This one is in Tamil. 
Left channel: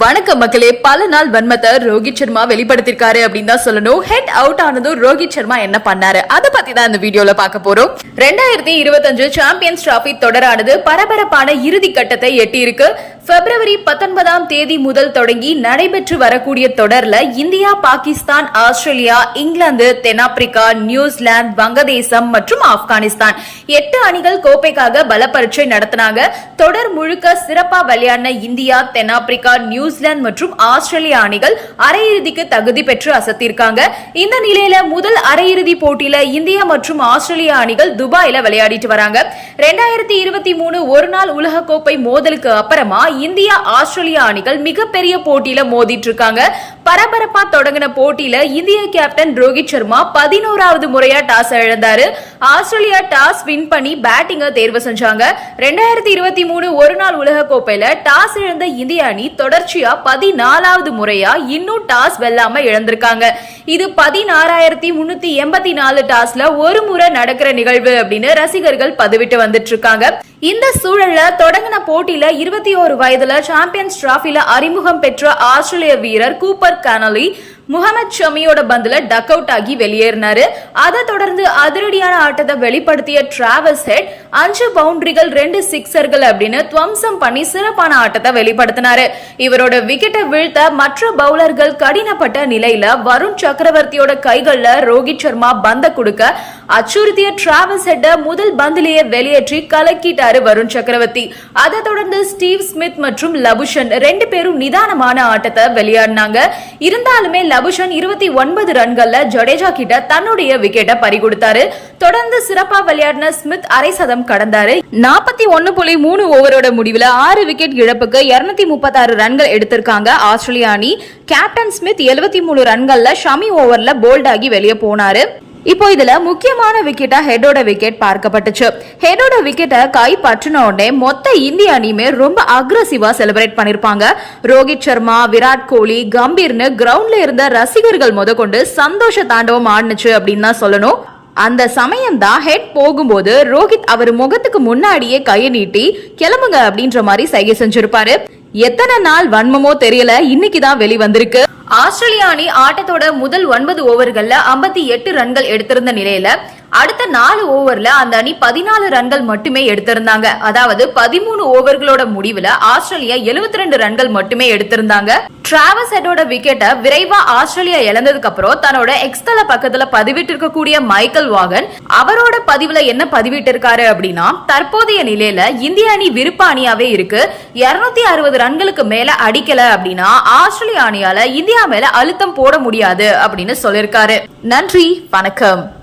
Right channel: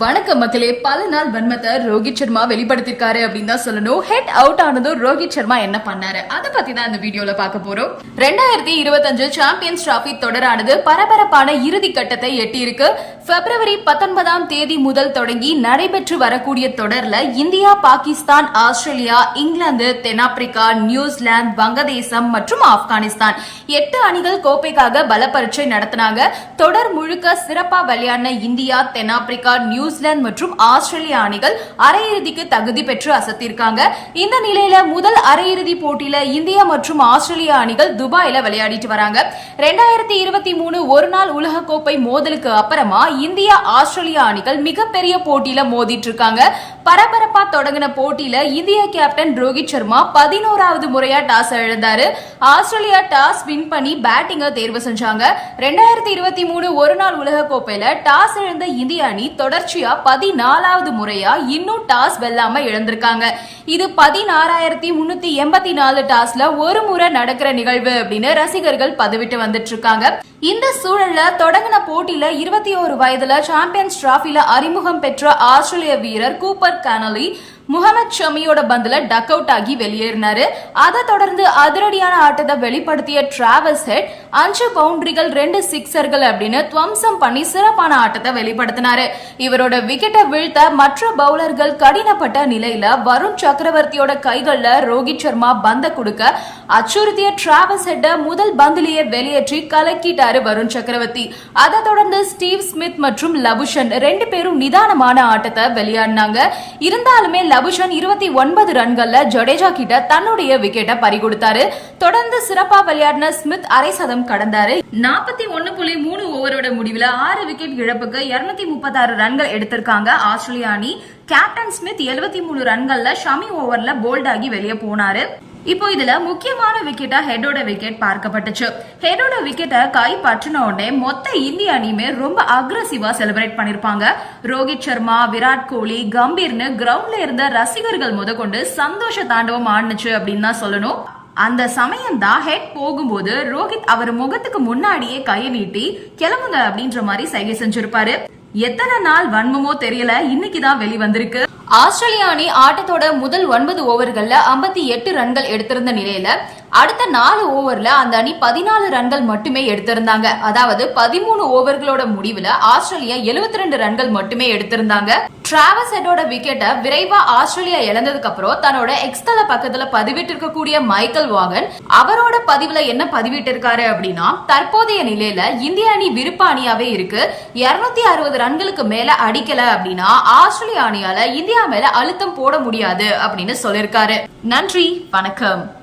வணக்கம் மக்களே பல நாள் வன்மத்தை ரோஹித் சர்மா வெளிப்படுத்திருக்காரு அப்படின்னு தான் சொல்லணும். ஹெட் அவுட் ஆனதும் ரோஹித் சர்மா என்ன பண்ணாரு? அதை பத்தி தான் இந்த வீடியோல பார்க்க போறோம். ரெண்டாயிரத்தி இருபத்தஞ்சு சாம்பியன்ஸ் டிராபி தொடரானது பரபரப்பான இறுதி கட்டத்தை எட்டியிருக்கு. பிப்ரவரி பத்தொன்பதாம் தேதி முதல் தொடங்கி நடைபெற்று வரக்கூடிய தொடர்ல இந்தியா பாகிஸ்தான் ஆஸ்திரேலியா இங்கிலாந்து தென்னாப்பிரிக்கா நியூசிலாந்து வங்கதேசம் மற்றும் ஆப்கானிஸ்தான் எட்டு அணிகள் கோப்பைக்காக பல பரீட்சை நடத்தினாங்க. தொடர் முழுக்க சிறப்பா விளையாடின இந்தியா தென்னாப்பிரிக்கா நியூசிலாந்து மற்றும் ஆஸ்திரேலியா அணிகள் அரையிறுதிக்கு தகுதி பெற்று அசத்திருக்காங்க. இந்த நிலையில முதல் அரையிறுதி போட்டியில இந்தியா மற்றும் ஆஸ்திரேலியா அணிகள் துபாயில விளையாடிட்டு வராங்க. ரெண்டாயிரத்தி இருபத்தி மூணு ஒரு நாள் உலகக்கோப்பை மோதலுக்கு அப்புறமா இந்தியா ஆஸ்திரேலியா அணிகள் மிகப்பெரிய போட்டியில மோதிட்டு இருக்காங்க பரபரப்பா தொடங்கின போட்டியில இந்திய கேப்டன் ரோஹித் சர்மா பதினோராவது முறையா டாஸ் இழந்தாரு. ஆஸ்திரேலியா டாஸ் வின் பண்ணி பேட்டிங்க தேர்வு செஞ்சாங்க. ரெண்டாயிரத்தி இருபத்தி மூணு ஒரு நாள் உலகக்கோப்பையில டாஸ் இழந்த இந்திய அணி தொடர்ச்சியா பதினாலாவது முறையா இன்னும் டாஸ் வெல்லாம இழந்திருக்காங்க. இது பதினாறாயிரத்தி முன்னூத்தி எண்பத்தி நாலு டாஸ்ல ஒரு முறை நடக்கிற நிகழ்வு அப்படின்னு ரசிகர்கள் பதிவிட்டு வந்துட்டு இருக்காங்க இந்த சூழல்ல தொடங்கின போட்டியில இருபத்தி ஒரு வயதுல சாம்பியன்ஸ் டிராபில அறிமுகம் பெற்ற ஆஸ்திரேலிய வீரர் கூப்பர் கனலி முகமது ஷமியோட பந்துல டக் அவுட் ஆகி வெளியேறினாரு. அதை தொடர்ந்து அதிரடியான ஆட்டத்தை வெளிப்படுத்திய டிராவல்ஸ் ஹெட் அஞ்சு பவுண்டரிகள் ரெண்டு சிக்ஸர்கள் அப்படின்னு துவம்சம் பண்ணி சிறப்பான ஆட்டத்தை வெளிப்படுத்தினாரு. இவரோட விக்கெட்டை வீழ்த்த மற்ற பவுலர்கள் கடினப்பட்ட நிலையில வருண் சக்கரவர்த்தியோட கைகள்ல ரோஹித் சர்மா பந்த கொடுக்க அச்சுறுத்திய டிராவல் ஹெட்ட முதல் பந்திலேயே வெளியேற்றி கலக்கிட்டாரு வருண் சக்கரவர்த்தி. அதை தொடர்ந்து ஸ்டீவ் ஸ்மித் மற்றும் லபுஷன் ரெண்டு பேரும் நிதானமான ஆட்டத்தை விளையாடினாங்க. இருந்தாலுமே லபுஷன் இருபத்தி ஒன்பது ரன்கள்ல ஜடேஜா கிட்ட தன்னுடைய விக்கெட்டை பறிகொடுத்தாரு தொடர்ந்து சிறப்பா விளையாடின ஸ்மித் அரை சதம் கடந்தாரு. நாற்பத்தி ஒன்னு புள்ளி மூணு ஓவரோட முடிவுல ஆறு விக்கெட் இழப்புக்கு இருநூத்தி முப்பத்தாறு ரன்கள் எடுத்திருக்காங்க ஆஸ்திரேலிய அணி. கேப்டன் ஸ்மித் எழுபத்தி மூணு ரன்கள்ல ஷமி ஓவர்ல போல்ட் ஆகி வெளியே போனாரு. இப்போ இதுல முக்கியமான விக்கெட்டா ஹெடோட விக்கெட் பார்க்கப்பட்டுச்சு. ஹெடோட விக்கெட்டை கை பற்றின உடனே மொத்த இந்திய அணியுமே ரொம்ப அக்ரஸிவா செலிப்ரேட் பண்ணிருப்பாங்க. ரோஹித் சர்மா விராட் கோலி கம்பீர்னு கிரவுண்ட்ல இருந்த ரசிகர்கள் முத கொண்டு சந்தோஷ தாண்டவம் ஆடுனுச்சு அப்படின்னு தான் சொல்லணும். அந்த சமயம் தான் ஹெட் போகும்போது ரோஹித் அவர் முகத்துக்கு முன்னாடியே கையை நீட்டி கிளம்புங்க அப்படின்ற மாதிரி சைகை செஞ்சிருப்பாரு. எத்தனை நாள் வன்மமோ தெரியல இன்னைக்கு தான் வெளி வந்திருக்கு ஆஸ்திரேலியா அணி ஆட்டத்தோட முதல் ஒன்பது ஓவர்கள்ல ஐம்பத்தி எட்டு ரன்கள் எடுத்திருந்த நிலையில அடுத்த நாலு ஓவர்ல அந்த அணி பதினாலு ரன்கள் மட்டுமே எடுத்திருந்தாங்க. அதாவது பதிமூணு ஓவர்களோட முடிவுல ஆஸ்திரேலியா எழுபத்தி ரெண்டு ரன்கள் மட்டுமே எடுத்திருந்தாங்க. டிராவஸ் ஹெட்டோட விக்கெட்டை விரைவா ஆஸ்திரேலியா இழந்ததுக்கு அப்புறம் தன்னோட எக்ஸ்தல பக்கத்துல பதிவிட்டு இருக்கக்கூடிய மைக்கேல் வாகன் அவரோட பதிவுல என்ன பதிவிட்டு இருக்காரு அப்படின்னா தற்போதைய நிலையில இந்திய அணி விருப்ப அணியாவே இருக்கு. இருநூத்தி அறுபது ரன்களுக்கு மேல அடிக்கல அப்படின்னா ஆஸ்திரேலியா அணியால இந்தியா மேல அழுத்தம் போட முடியாது அப்படின்னு சொல்லிருக்காரு. நன்றி வணக்கம்.